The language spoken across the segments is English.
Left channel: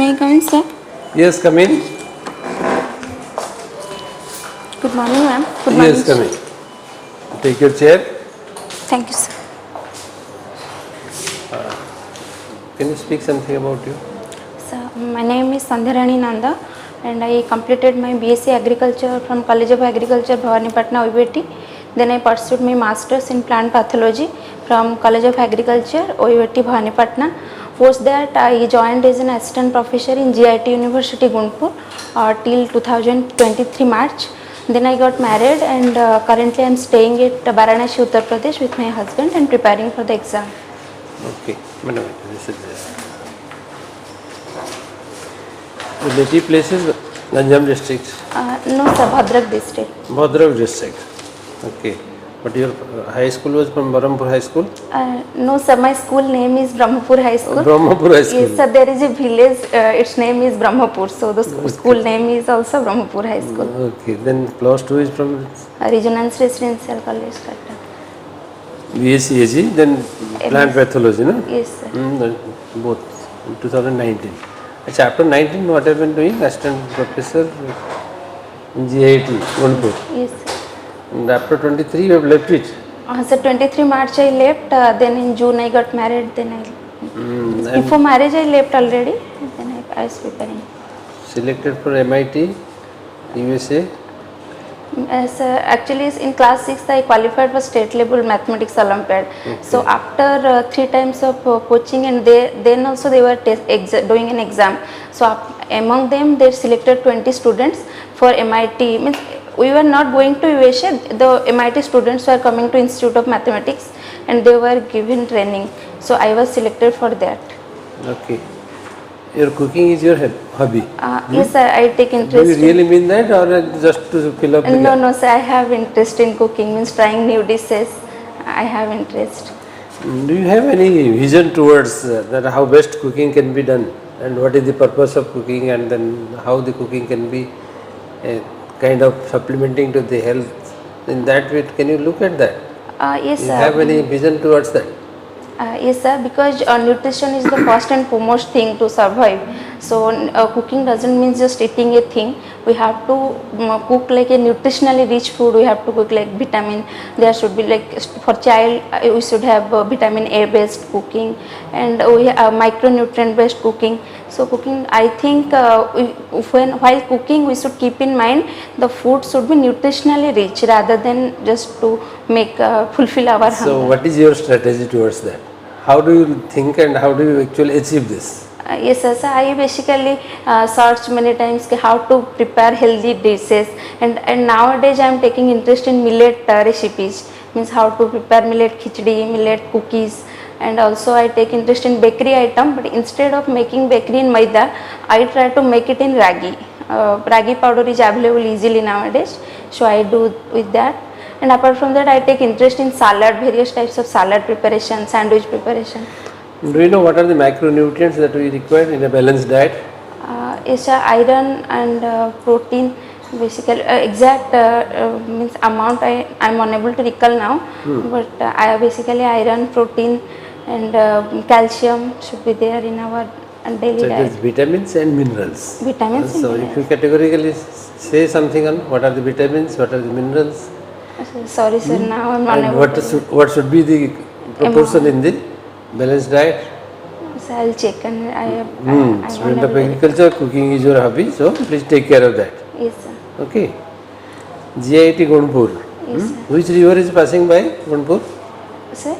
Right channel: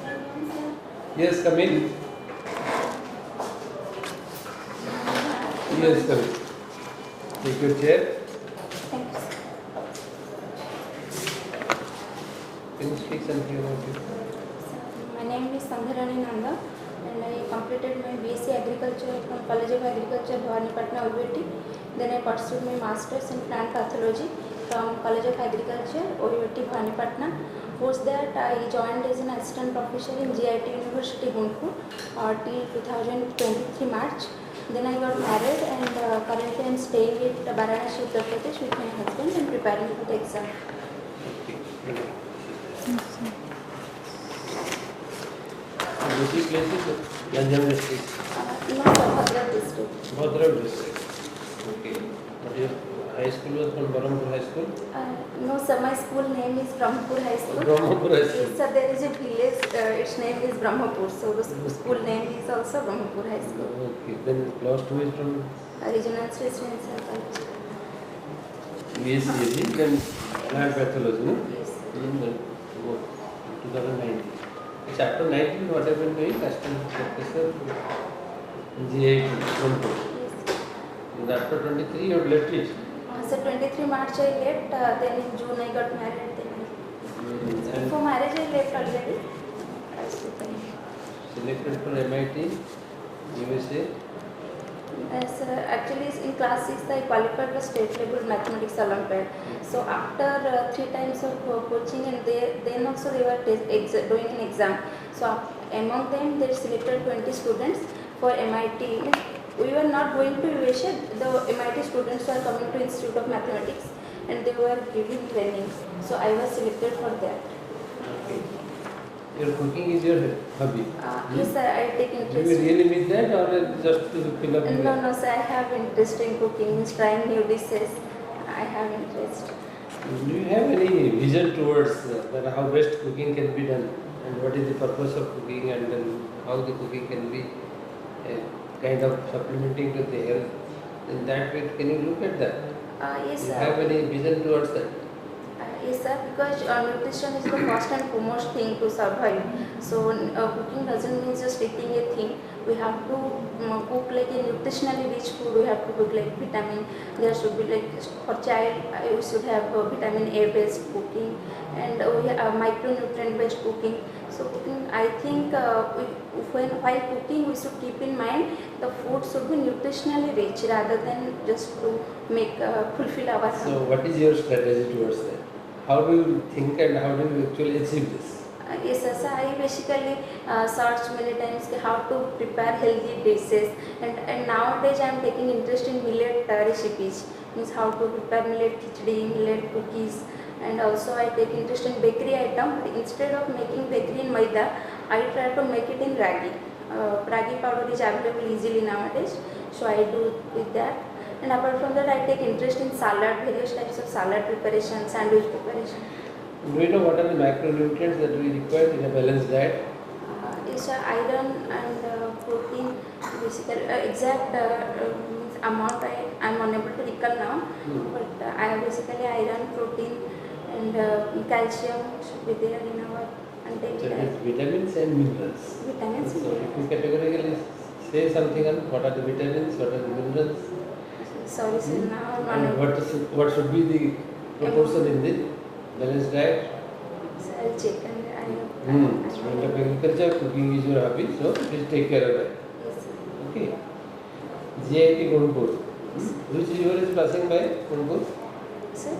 May I come in, sir? Yes, come in. Good morning, ma'am. Good morning. Yes, come in. Take your chair. Thank you, sir. Can you speak something about you? Sir, my name is SANDHYARANI NANDA and I completed my BSc Agriculture from College of Agriculture, Bhawanipatna, OAT. Then I pursued my Masters in Plant Pathology from College of Agriculture, OAT, Bhawanipatna. Post that, I joined as an assistant professor in GIT University, Guntur till 2023 March. Then I got married and currently I am staying at Varanasi, Uttar Pradesh with my husband and preparing for the exam. Okay, madam, this is the native place is Ganjam district. No, sir, Bhadrak district. Bhadrak district. Okay, but your high school was from Barampur High School? No, sir, my school name is Brahmapur High School. Brahmapur High School. Yes, sir, there is a village, its name is Brahmapur, so the school name is also Brahmapur High School. Okay, then class 2 is from Resonance Residential College, Kata. BSc, then plant pathology, no? Yes, sir. Both, in 2019. Achha, after 19, what have you been doing? Assistant professor in GIT, Guntur. Yes, sir. And after 23, you have left it. So 23 March I left, then in June I got married, then before marriage I left already, then I was preparing. Selected for MIT, USA. Actually in class 6 I qualified for state level mathematics Olympiad. Okay. So after 3 times of coaching and then also they were doing an exam. So among them they selected 20 students for MIT. Means we were not going to USA, the MIT students were coming to Institute of Mathematics and they were given training. So I was selected for that. Okay. Your cooking is your hobby? Yes, sir, I take interest. Do you really mean that or just to fill up the gap? No, sir, I have interest in cooking, means trying new dishes. I have interest. Do you have any vision towards that how best cooking can be done and what is the purpose of cooking and then how the cooking can be kind of supplementing to the health? In that way, can you look at that? Yes, you sir. Have any vision towards that? Yes, sir, because nutrition is the first and foremost thing to survive. So cooking doesn't mean just eating a thing. We have to cook like a nutritionally rich food. We have to cook like vitamin. There should be like for child we should have vitamin A based cooking and we have micronutrient based cooking. So cooking, I think while cooking we should keep in mind the food should be nutritionally rich rather than just to make fulfill our hunger. So what is your strategy towards that? How do you think and how do you actually achieve this? Yes, sir. So I basically searched many times how to prepare healthy dishes and nowadays I am taking interest in millet recipes, means how to prepare millet khichdi, millet cookies, and also I take interest in bakery item, but instead of making bakery in maida, I try to make it in ragi. Ragi powder is available easily nowadays, so I do with that. And apart from that, I take interest in salad, various types of salad preparation, sandwich preparation. Do you know what are the macronutrients that we require in a balanced diet? Is iron and protein. Basically, exact means amount I am unable to recall now, but I basically iron, protein, and calcium should be there in our daily diet. It is vitamins and minerals. Vitamins. So, if you categorically say something on what are the vitamins, what are the minerals. Sorry, sir. Now I am unable. And what should be the proportion in the balanced diet? So I will check and I have. Student of agriculture, cooking is your hobby, so please take care of that. Yes, sir. Okay. GIT Guntur. Yes, sir. Which river is passing by Guntur? Sir?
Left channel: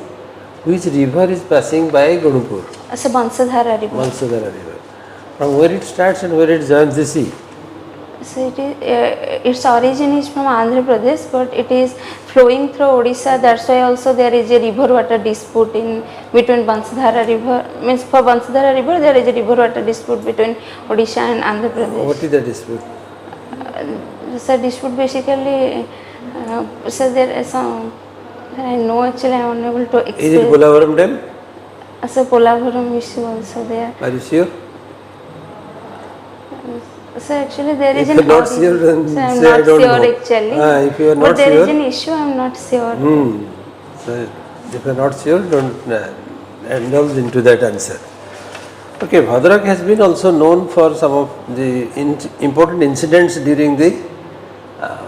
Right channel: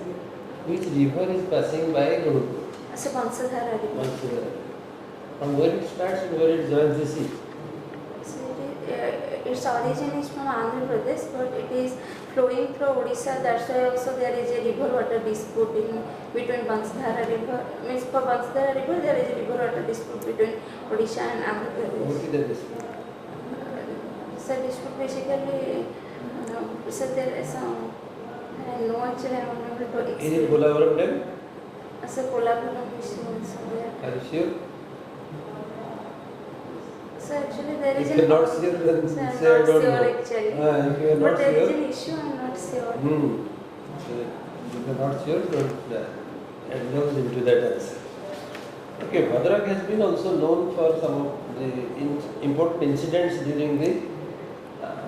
Which river is passing by Guntur? Sir, Bansadhara river. Bansadhara river. From where it starts and where it joins the sea? So it is, its origin is from Andhra Pradesh, but it is flowing through Odisha. That's why also there is a river water dispute in between Bansadhara river. Means for Bansadhara river there is a river water dispute between Odisha and Andhra Pradesh. What is the dispute? So dispute basically, so there is some. I know actually I am unable to explain. Is it Polavaram Dam? So Polavaram issue also there. Are you sure? So actually there is if an you are not sure, then so I am say not I don't sure know. actually. If you are but not there sure, is an issue, I am not sure. So if you are not sure, don't indulge into that answer. Okay, Bhadrak has been also known for some of the important incidents during the uh,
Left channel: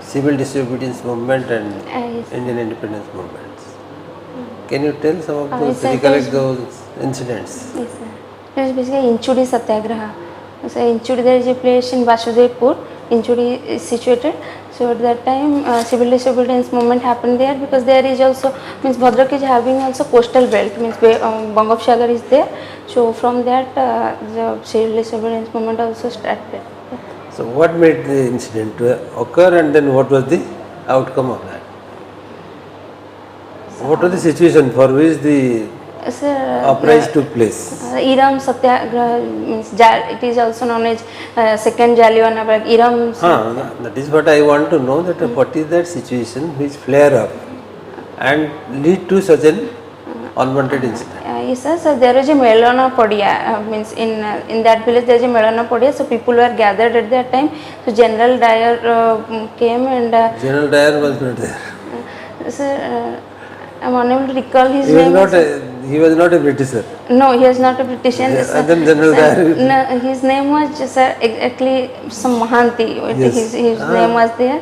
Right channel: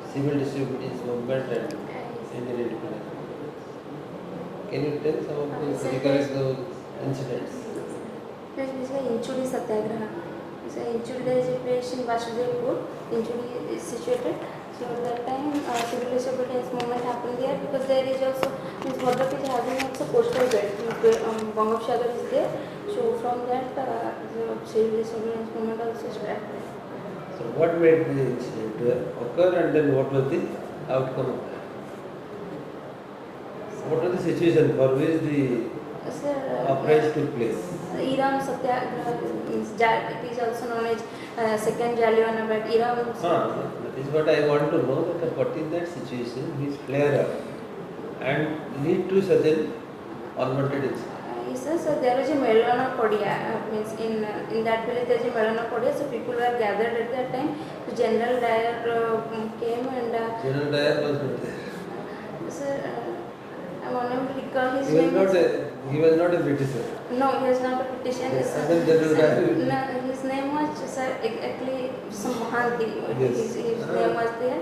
civil disobedience movement and Yes. Indian independence movements. Can you tell some of those, Yes, sir. recollect those incidents? Yes, sir. It was basically Inchudi Satyagraha. So Inchudi, there is a place in Vasudevpur. Inchudi is situated. So at that time, civil disobedience movement happened there, because there is also, means Bhadrak is having also coastal belt, means Bangopsagar is there. So from that, the civil disobedience movement also started. So what made the incident to occur, and then what was the outcome of that? What was the situation for which the Sir, uprising took place? Iram Satyagraha means it is also known as second Jallianwala Bagh. Iram. That is what I want to know, that what is that situation which flare up and lead to such an unwanted incident? Yes, sir. So there is a Melana Podia, means in that village there is a Melana Podia. So people were gathered at that time. So General Dyer came and. General Dyer was not there. Sir, I'm unable to recall his He was name. he was not a Britisher. No, he is not a British. And then General Dyer. No, his name was sir exactly some Mahanti. Yes. His name was there.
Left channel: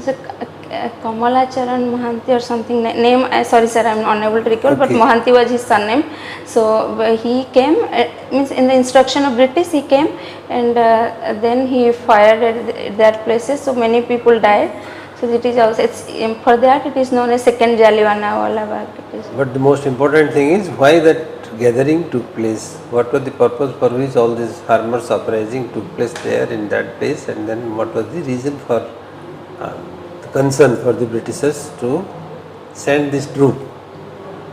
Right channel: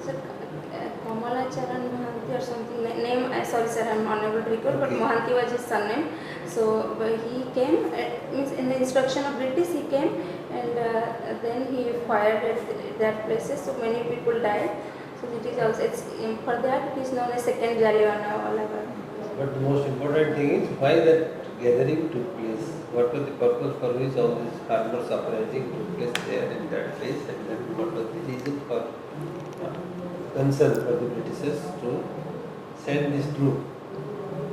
So, Kamala Charan Mahanti or something name. Sorry, sir, I am unable to recall. But Okay. Mahanti was his surname. So he came. Means in the instruction of British, he came, and then he fired at that places. So many people died. So it is also, for that it is known as second Jallianwala Bagh. But the most important thing is why that gathering took place. What was the purpose for which all this farmers uprising took place there in that place, and then what was the reason for the concern for the Britishers to send this troop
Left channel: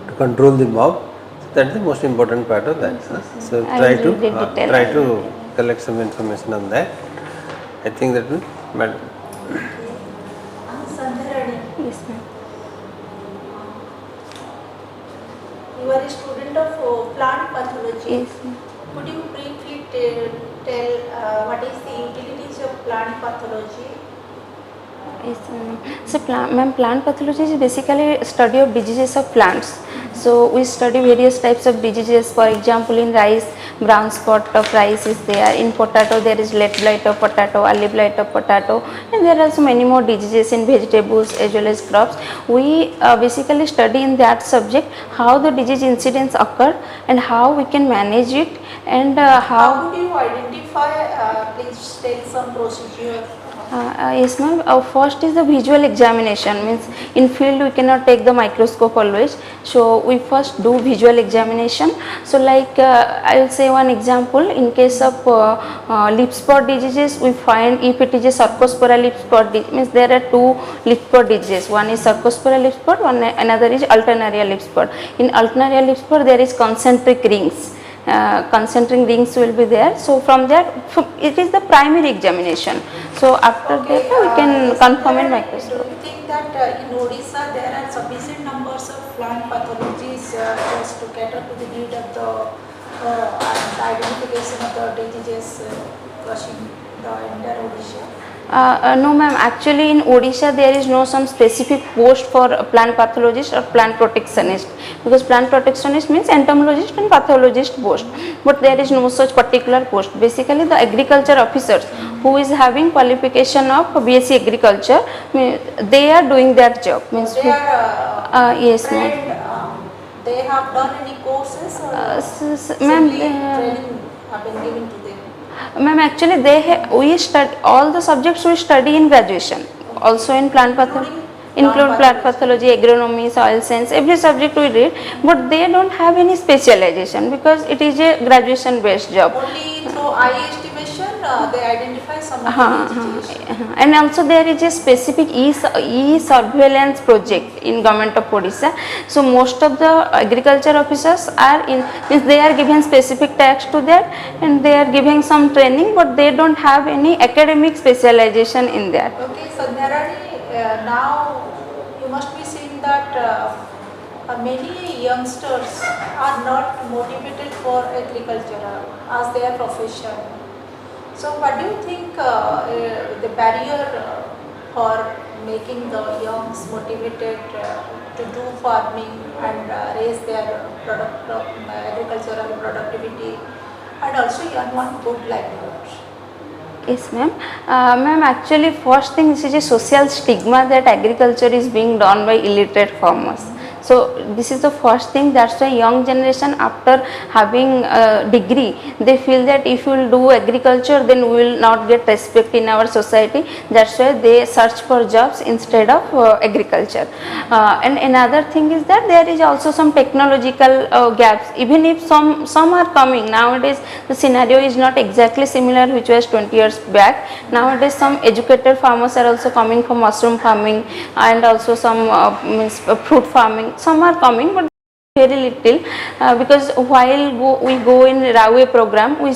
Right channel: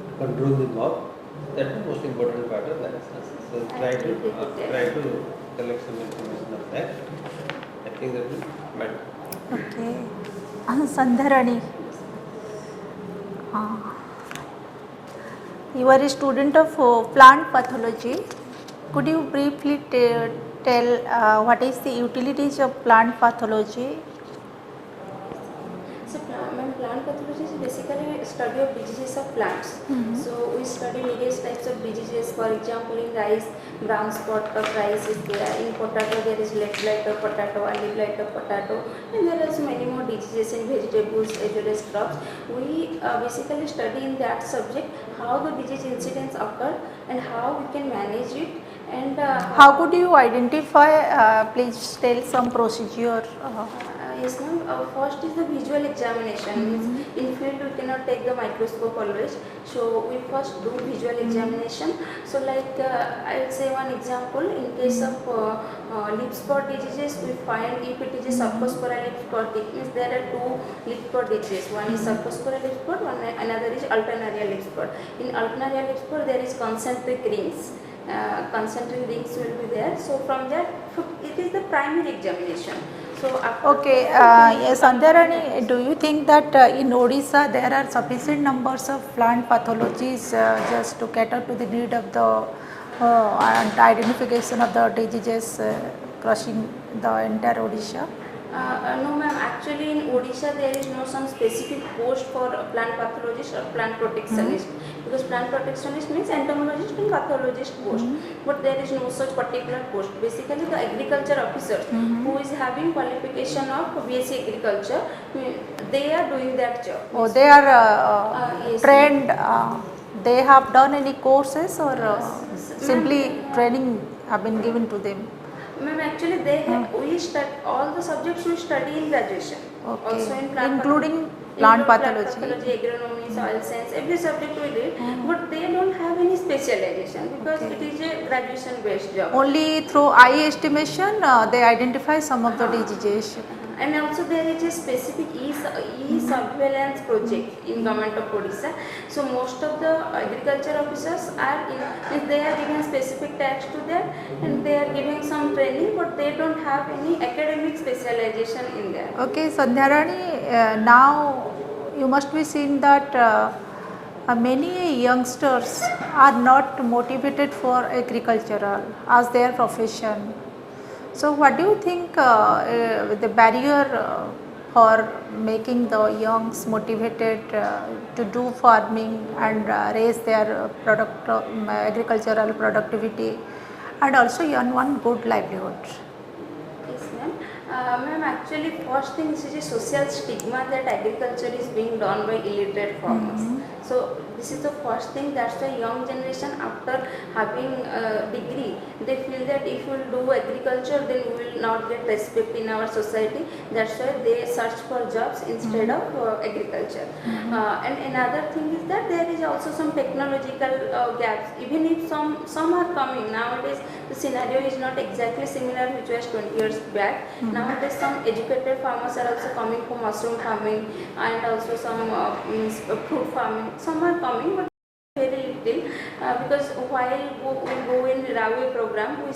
to control the mob. That is the most important part of that. So I will read it detail. try to collect some information on that. I think that will matter. Sandhyarani, Yes, ma'am. you are a student of plant pathology. Yes, ma'am. Could you briefly tell what is the utilities of plant pathology? Yes, ma'am. So, plant pathology is basically study of diseases of plants. So, we study various types of diseases. For example, in rice, brown spot of rice is there. In potato, there is lead blight of potato, early blight of potato, and there are also many more diseases in vegetables as well as crops. We basically study in that subject how the disease incidents occur and how we can manage it, and How would you identify? Please tell some procedure. Yes, ma'am. First is the visual examination. Means in field we cannot take the microscope always. So we first do visual examination. So like I will say one example. In case of leaf spot diseases, we find if it is a Sarcospora leaf spot means there are two leaf spot diseases. One is Sarcospora leaf spot. Another is alternaria leaf spot. In alternaria leaf spot there is concentric rings. Concentric rings will be there. So from that, it is the primary examination. So after Okay, that, we can confirm and Sandhyarani, do you think that in Odisha there are sufficient numbers of plant pathologies just to cater to the need of the and identification of the diseases crushing the entire Odisha? No, ma'am. Actually, in Odisha, there is no some specific post for a plant pathologist or plant protectionist, because plant protectionist means entomologist and pathologist post, but there is no such particular post. Basically, the agriculture officers who is having qualification of BSc agriculture, they are doing that job. Means They are yes, ma'am. trained. They have done any courses or Ma'am, simply training have been given to them? Ma'am, actually we study all the subjects we study in graduation. Also in plant pathology, include plant pathology, agronomy, soil science, every subject we read, but they don't have any specialization because it is a graduation based job. Only through eye estimation they identify some of the diseases. And also there is a specific e-surveillance project in government of Odisha. So most of the agriculture officers are in, means they are given specific tasks to that, and they are giving some training, but they don't have any academic specialization in that. Okay, Sandhyarani, now you must be seeing that many youngsters are not motivated for agriculture as their profession. So what do you think the barrier for making the youngs motivated to do farming and raise their agricultural productivity and also earn one good livelihood. Yes, ma'am. Ma'am, actually, first thing, this is a social stigma that agriculture is being done by illiterate farmers. So this is the first thing. That's why young generation, after having a degree, they feel that if you will do agriculture, then we will not get respect in our society. That's why they search for jobs instead of agriculture. And another thing is that there is also some technological gaps. Even if some are coming nowadays, the scenario is not exactly similar which was 20 years back. Nowadays, some educated farmers are also coming for mushroom farming and also some fruit farming. Some are coming, but very little, because while we go in railway program, we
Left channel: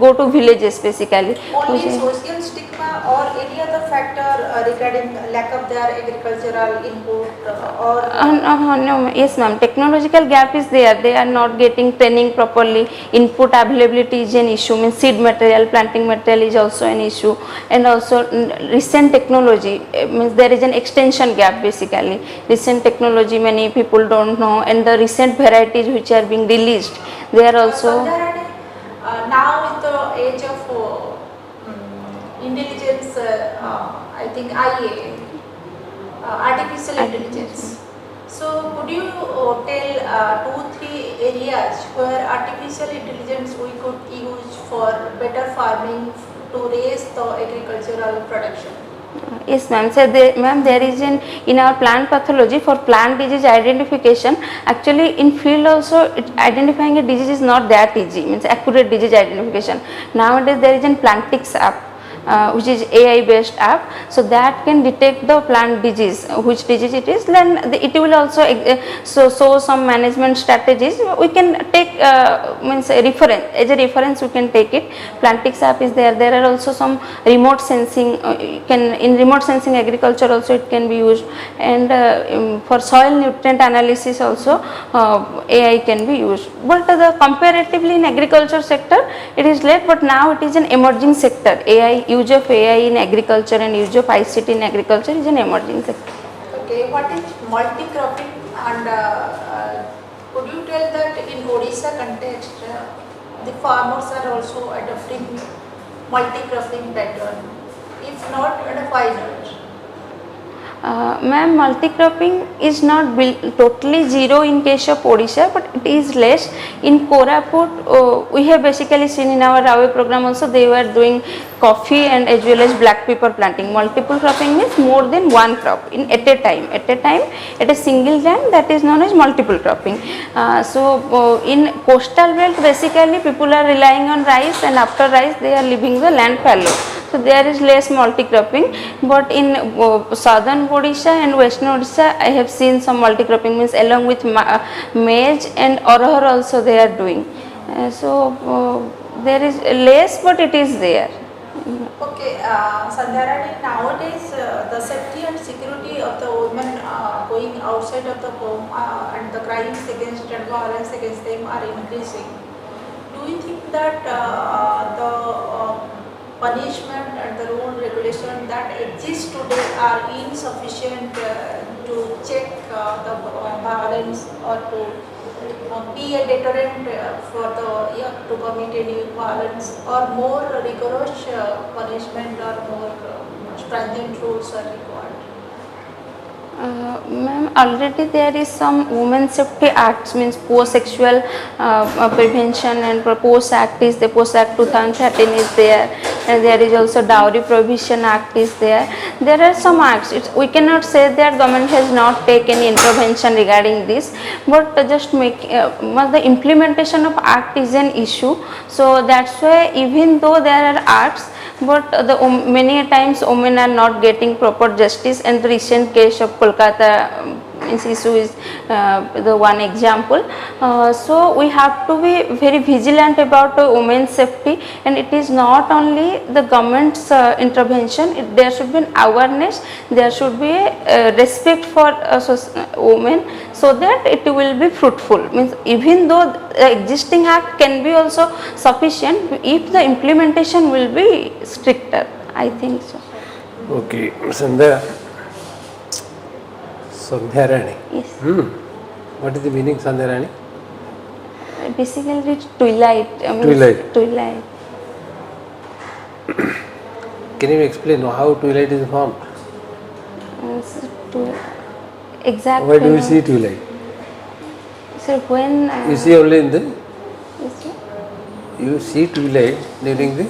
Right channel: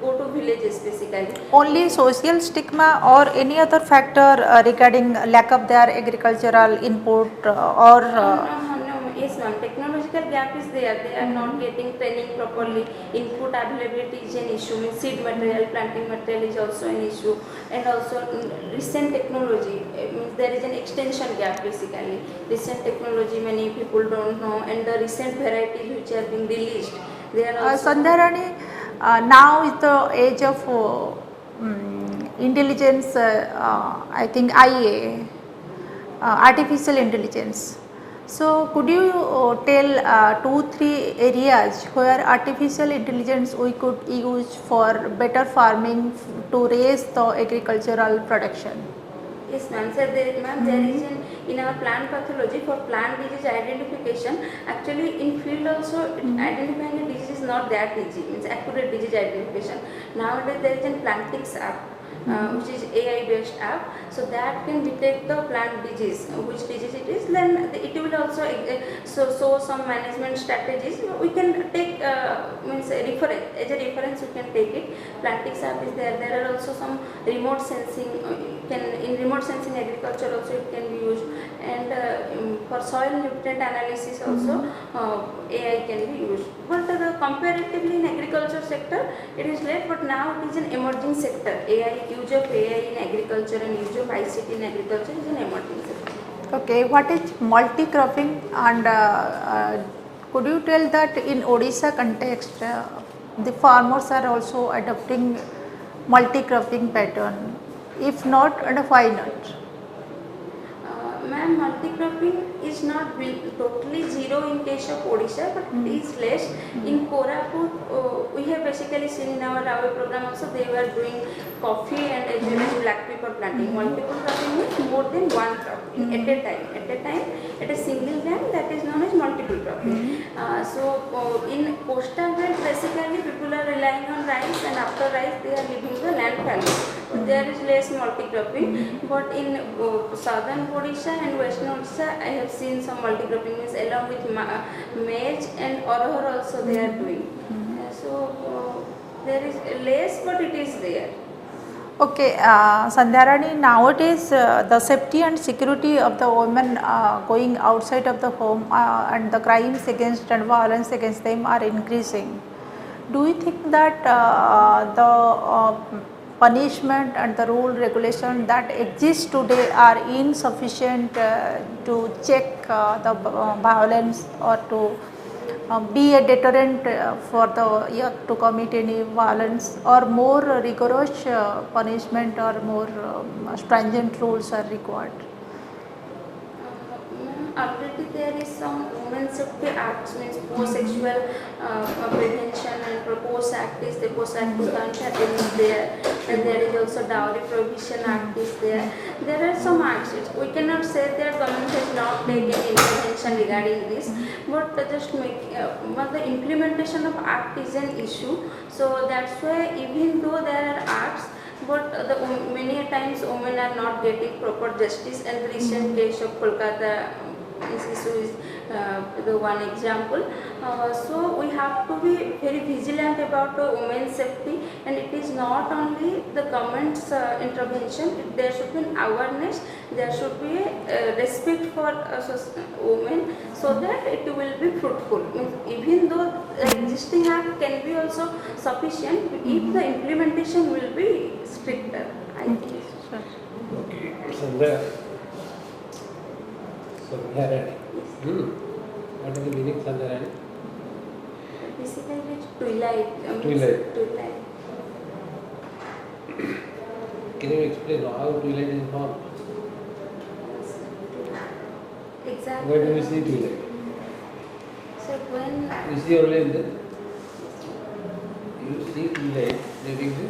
go to villages basically. Only social stigma or any other factor regarding lack of their agricultural input No, yes ma'am, technological gap is there. They are not getting training properly. Input availability is an issue. Means seed material, planting material is also an issue, and also recent technology, means there is an extension gap basically. Recent technology many people don't know, and the recent varieties which are being released, they are also. Sandhyarani, now is the age of intelligence, I think IA, artificial intelligence. So could you tell 2-3 areas where artificial intelligence we could use for better farming to raise the agricultural production? Yes ma'am. So there is in our plant pathology for plant disease identification. Actually in field also identifying a disease is not that easy. Means accurate disease identification. Nowadays there is an Plantix app. Which is AI based app, so that can detect the plant disease, which disease it is, then it will also show some management strategies. We can take means a reference, as a reference we can take it. Plantix app is there. There are also some remote sensing, in remote sensing agriculture also it can be used, and for soil nutrient analysis also AI can be used. But comparatively in agriculture sector it is late, but now it is an emerging sector. Use of AI in agriculture and use of ICT in agriculture is an emerging sector. Okay, what is multi-cropping, and could you tell that in Odisha context the farmers are also adopting multi-cropping pattern? If not, and why not? Ma'am, multi-cropping is not totally zero in case of Odisha, but it is less. In Koraput, we have basically seen in our railway program also they were doing coffee and as well as black pepper planting. Multiple cropping means more than one crop at a time. At a single land, that is known as multiple cropping. In coastal belt, basically people are relying on rice, and after rice they are leaving the land fallow. So there is less multi-cropping, but in southern Odisha and western Odisha, I have seen some multi-cropping, means along with maize and arahar also they are doing. There is less, but it is there. Okay, Sandhyarani, nowadays the safety and security of the women going outside of the home and the crimes against and violence against them are increasing. Do you think that the punishment and the rule regulation that exist today are insufficient to check the violence or to be a deterrent for the young to commit any violence, or more rigorous punishment or more stringent rules are required? Ma'am, already there is some Women Safety Acts, means post-sexual prevention and post act is the post act 2013 is there, and there is also Dowry Prohibition Act is there. There are some acts. We cannot say that government has not taken any intervention regarding this, but just the implementation of act is an issue. So that's why even though there are acts, but many times women are not getting proper justice, and the recent case of Kolkata issue is the one example. So we have to be very vigilant about women's safety, and it is not only the government's intervention. There should be an awareness, there should be a respect for women, so that it will be fruitful. Means even though the existing act can be also sufficient, if the implementation will be stricter, I think so. Okay, Sandhyarani. Yes. What is the meaning Sandhyarani? Basically twilight. Twilight. Twilight. Can you explain how twilight is formed? Means to exact. Why do you when- see twilight? Sir, when You see only in the, is it? you see twilight during the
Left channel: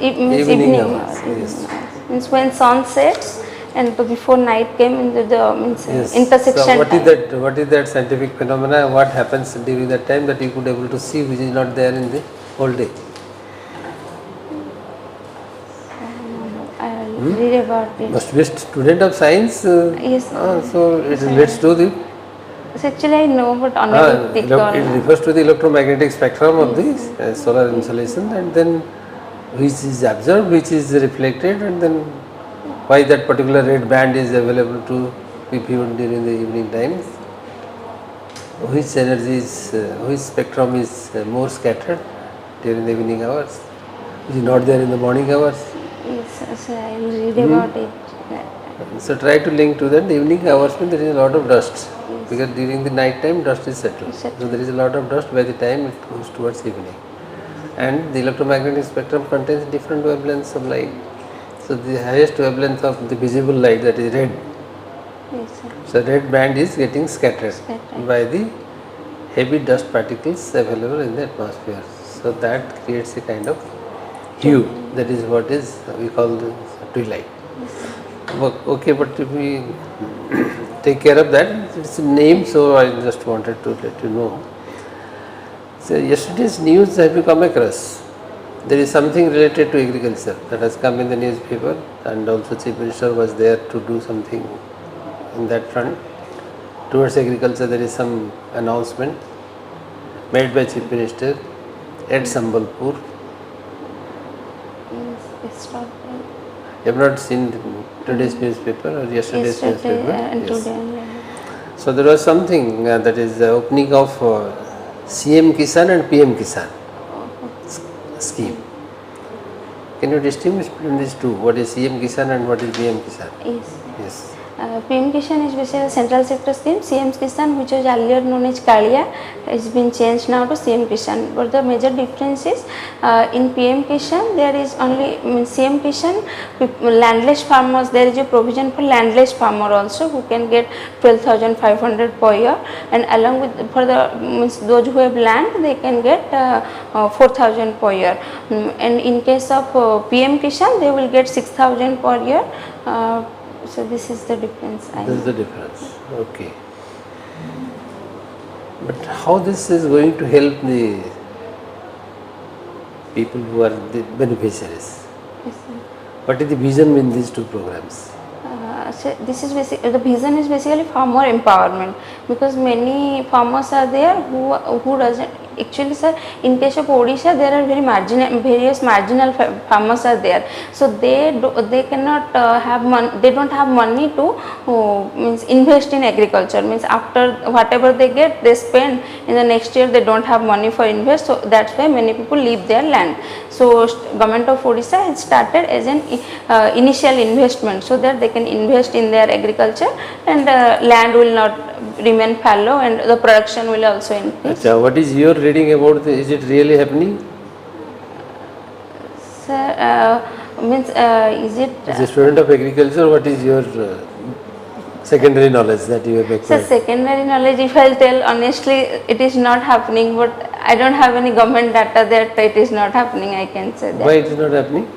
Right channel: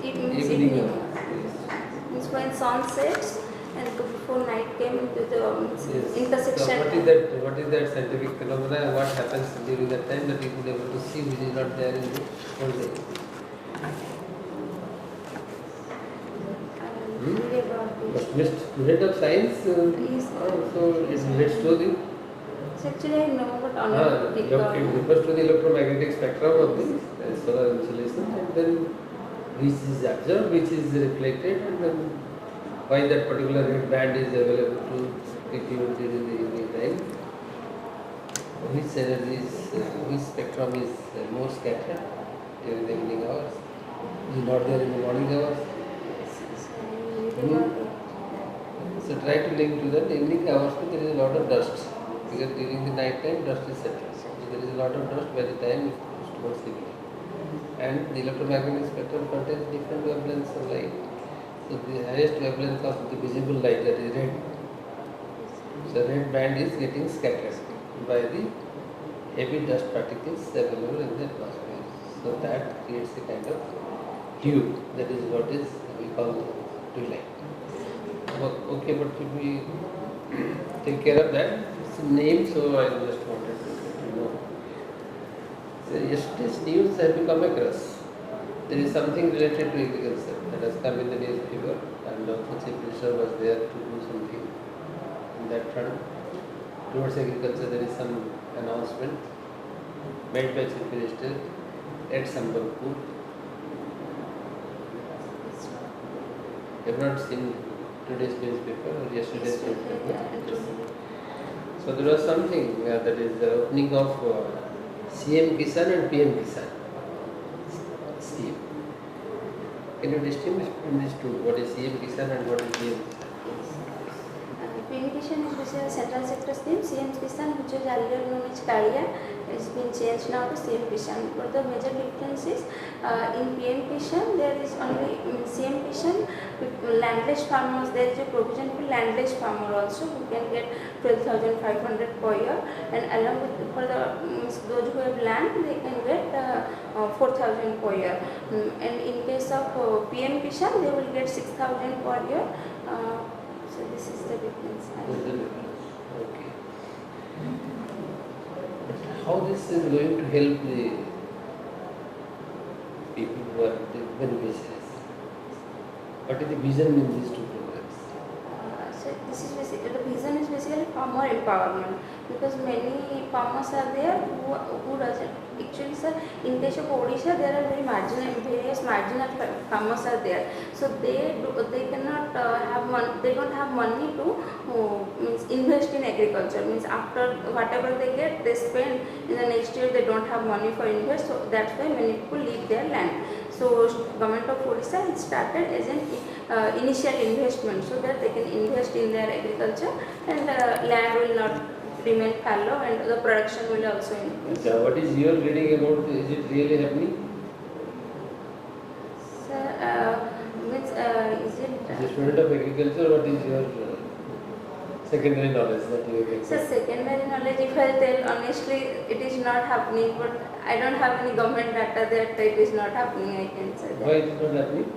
Means evening evening. hours, Evening yes. hours. Means when sun sets and before night came into the means yes. intersection. So what is time. that? What is that scientific phenomena? What happens during that time that you could able to see, which is not there in the whole day? I will read about it. Must be a student of science. Yes. So it relates to the. So actually I know, but unable to pick It on. refers to the electromagnetic spectrum of the solar insolation, and then which is absorbed, which is reflected, and then why that particular red band is available to be viewed during the evening times. Which energy is, which spectrum is more scattered during the evening hours, which is not there in the morning hours. Yes, so I will read about it. So try to link to that. The evening hours when there is a lot of dust, because during the night time dust is settled. So there is a lot of dust by the time it goes towards evening. And the electromagnetic spectrum contains different wavelengths of light. So the highest wavelength of the visible light, that is red. Yes, sir. So red band is getting scattered by the heavy dust particles available in the atmosphere. So that creates a kind of hue. That is what is we call the twilight. Okay, but if we take care of that, it's a name, so I just wanted to let you know. So yesterday's news have you come across? There is something related to agriculture that has come in the newspaper, and also Chief Minister was there to do something in that front. Towards agriculture, there is some announcement made by Chief Minister at Sambalpur. Yes, it's not You have not seen today's newspaper or yesterday's yesterday newspaper? and Yes. today only. So there was something that is the opening of CM Kisan and PM Kisan scheme. Can you distinguish between these two? What is CM Kisan and what is PM Kisan? Yes. Yes. PM Kisan is basically a central sector scheme. CM Kisan, which was earlier known as Kalia, has been changed now to CM Kisan. But the major difference is in PM Kisan there is only CM Kisan landless farmers. There is a provision for landless farmer also who can get 12,500 per year, and along with for the those who have land they can get 4,000 per year. And in case of PM Kisan they will get 6,000 per year. So this is the difference. This is the difference. Okay. But how this is going to help the people who are the beneficiaries? Yes, sir. What is the vision in these two programs? So this is the vision is basically farmer empowerment, because many farmers are there who doesn't actually, sir, in case of Odisha there are various marginal farmers are there, so they cannot have money, they don't have money to means invest in agriculture, means after whatever they get they spend, in the next year they don't have money for invest, so that's why many people leave their land. So government of Odisha has started as an initial investment, so that they can invest in their agriculture, and land will not remain fallow and the production will also increase. Achha, what is your reading about this? Is it really happening? Sir, means is it? As a student of agriculture, what is your secondary knowledge that you have So acquired? secondary knowledge, if I'll tell honestly, it is not happening, but I don't have any government data that it is not happening, I can say that. Why it is not happening?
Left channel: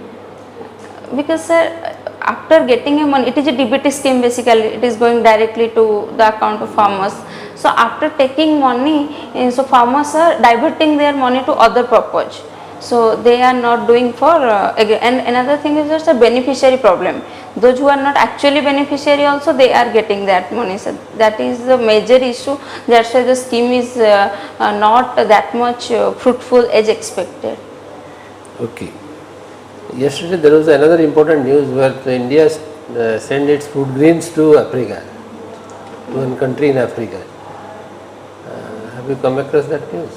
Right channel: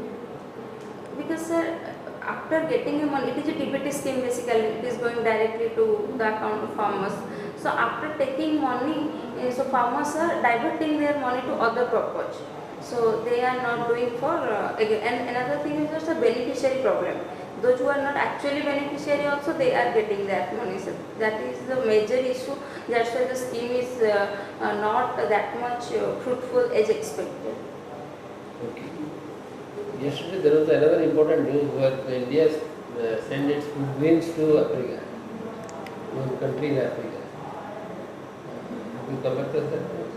Because sir, after getting a money, it is a DBT scheme basically, it is going directly to the account of farmers. So after taking money, so farmers are diverting their money to other purpose. So they are not doing for, and another thing is just a beneficiary problem. Those who are not actually beneficiary also, they are getting that money. So that is the major issue. That's why the scheme is not that much fruitful as expected. Okay. Yesterday there was another important news where India sent its food grains to Africa, to one country in Africa. Have you come across that news?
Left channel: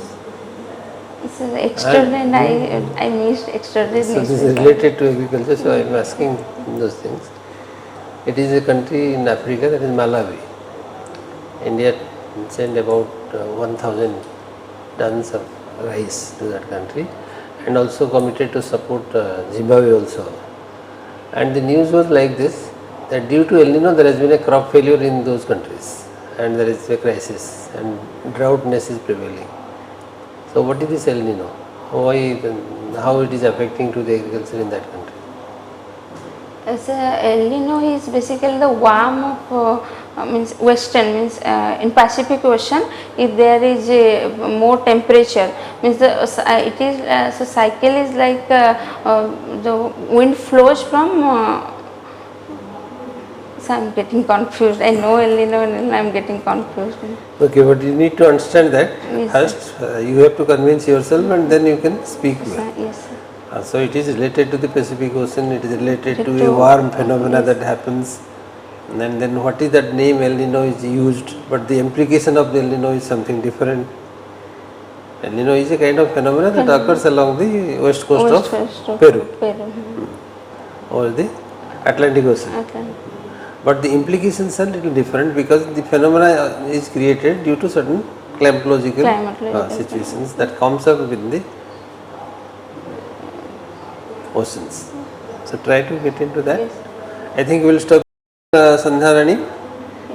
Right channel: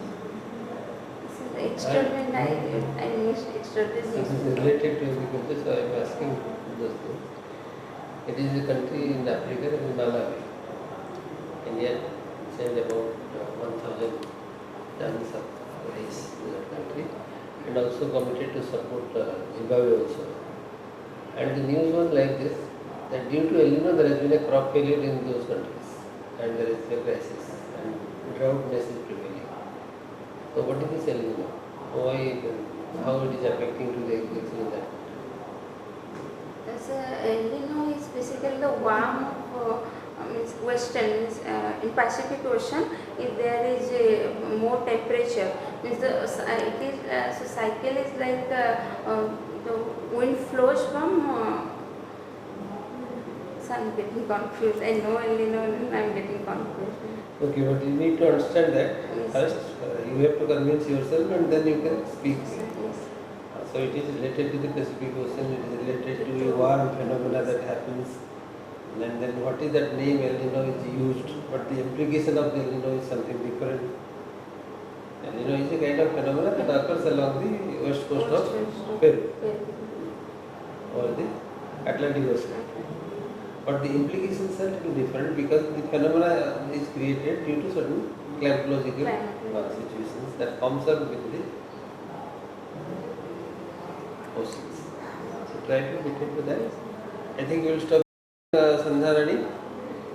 It's extraordinary, I missed extraordinary. So this is related to agriculture, so I am asking those things. It is a country in Africa, that is Malawi. India sent about 1,000 tons of rice to that country, and also committed to support Zimbabwe also. And the news was like this, that due to El Nino there has been a crop failure in those countries, and there is a crisis and droughtness is prevailing. So what is this El Nino? Why, how it is affecting to the agriculture in that country? As El Nino is basically the warm of means western, means in Pacific Ocean, if there is a more temperature, means the it is so cycle is like the wind flows from so I am getting confused. I know El Nino and I am getting confused. Okay, but you need to understand that Yes, first you have to convince yourself and then you can speak Yes, well. yes, sir. So it is related to the Pacific Ocean, it is related to To- a warm phenomena that happens, and then what is that name El Nino is used, but the implication of the El Nino is something different. El Nino is a kind of phenomena that occurs along the west coast West of coast of Peru Peru. or the Atlantic Ocean. Okay. But the implications are little different because the phenomena is created due to certain climatological situations that comes up within the oceans. So try to get into that. Yes. I think we will stop. Sandhyarani,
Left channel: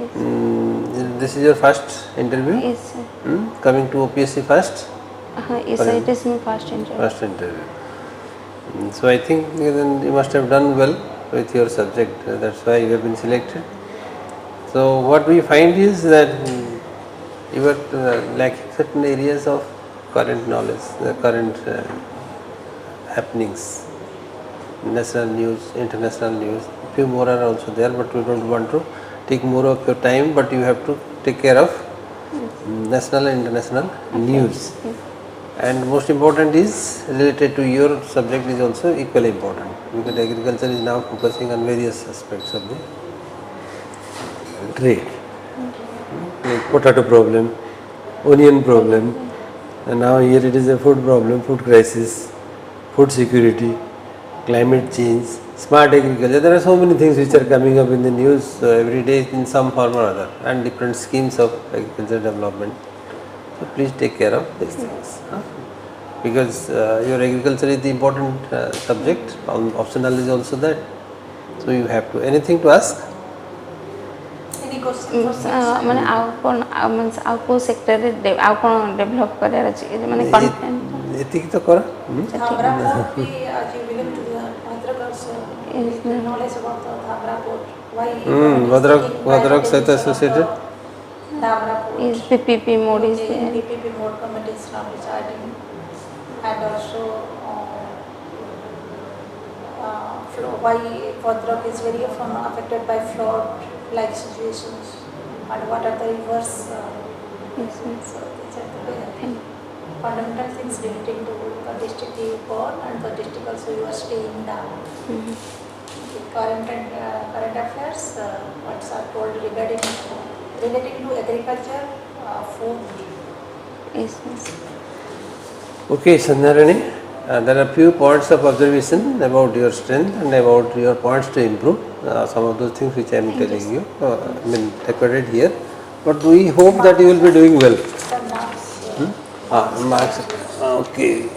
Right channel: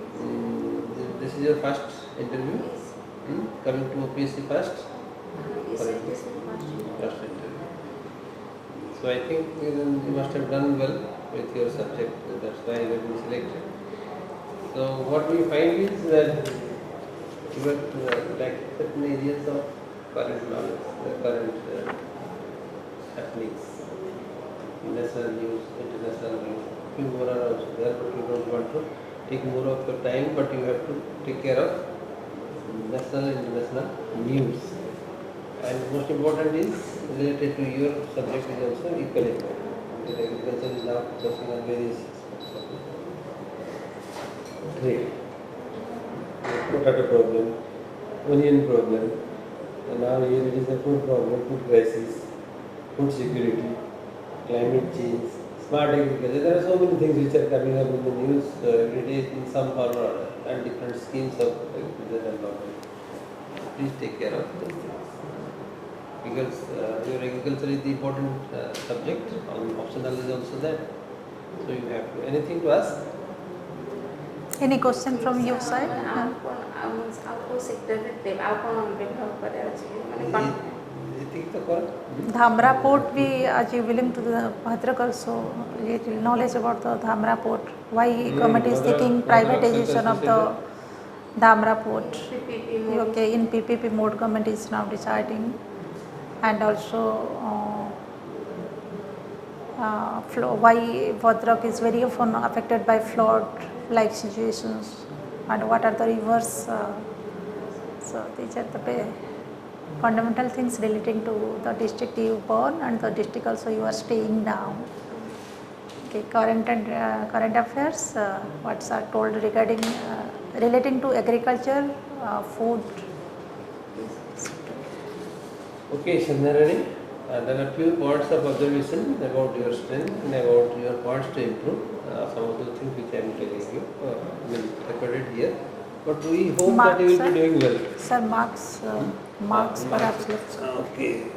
Yes. this is your first interview. Yes, sir. Coming to OPSC first. Yes, sir. It is my first interview. First interview. So I think then you must have done well with your subject. That's why you have been selected. So what we find is that you are lacking certain areas of current knowledge, the current happenings, national news, international news. Few more are also there, but we don't want to take more of your time. But you have to take care of national and international news. Yes. And most important is related to your subject is also equally important, because agriculture is now focusing on various aspects of the trade, like potato problem, onion problem, and now here it is a food problem, food crisis, food security, climate change, smart agriculture. There are so many things which are coming up in the news every day in some form or other, and different schemes of agriculture development. So please take care of these things, because your agriculture is the important subject. Optional is also that. So you have to anything to ask. Any question from your side? ମାନେ ଆଉ କ'ଣ means ଆଉ କେଉଁ ସେକ୍ଟରରେ ଆଉ କ'ଣ develop କରିବାର ଅଛି ମାନେ କଣ୍ଟେଣ୍ଟ ଏତିକି ତ କର। Dhamra port be as you belong to the Bhadrak also knowledge about the Dhamra port. Why government is Bhadrak- taking Bhadrak sହିତ privatization of associated? the Dhamra port. is PPP mode is Okay, in PPP mode government is now deciding, and also why Bhadrak is very often affected by flood like situations, and what are the rivers. So these are the fundamental things relating to the district you born and the district also you are staying down. Okay, current affairs, what's are told regarding relating to agriculture, food. is Okay, Sandhyarani, there are few points of observation about your strength and about your points to improve. Some of those things which I am telling you, I mean recorded here. But we hope that you will be doing well. Sir, marks. Marks. Okay.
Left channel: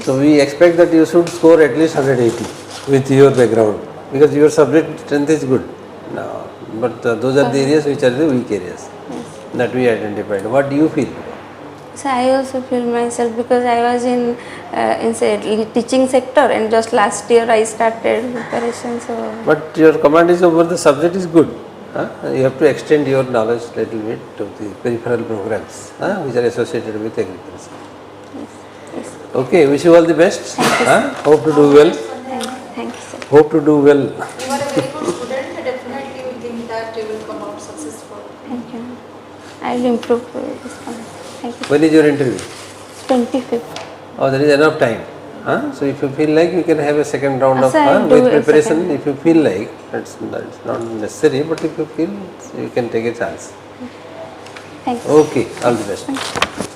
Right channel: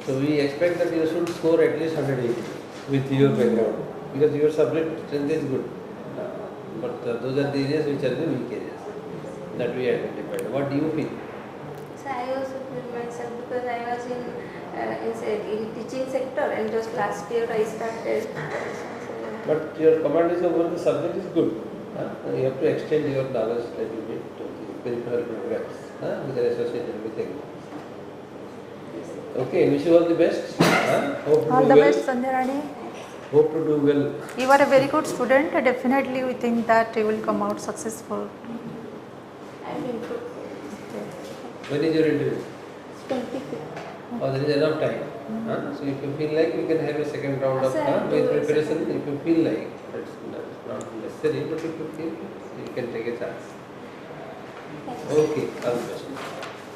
So we expect that you should score at least 180 with your background, because your subject strength is good. Now, but those are the areas which are the weak areas that we identified. What do you feel? So I also feel myself, because I was in say teaching sector, and just last year I started preparation. So But your command is over the subject is good. You have to extend your knowledge little bit to the peripheral programs which are associated with agriculture. yes. Okay, wish you all the best. Hope to do All the well. best, Sandhyarani. Thank you, sir. Hope to do well. You are a very good student. Definitely, we think that you will come out successful. Thank you. I will improve this one. Thank you. When is your interview? 25th. Oh, there is enough time. So if you feel like, you can have a second round of Sir, I'll do with a preparation. second. If you feel like, that's not necessary, but if you feel, you can take a chance. Thank you. Okay, all the best.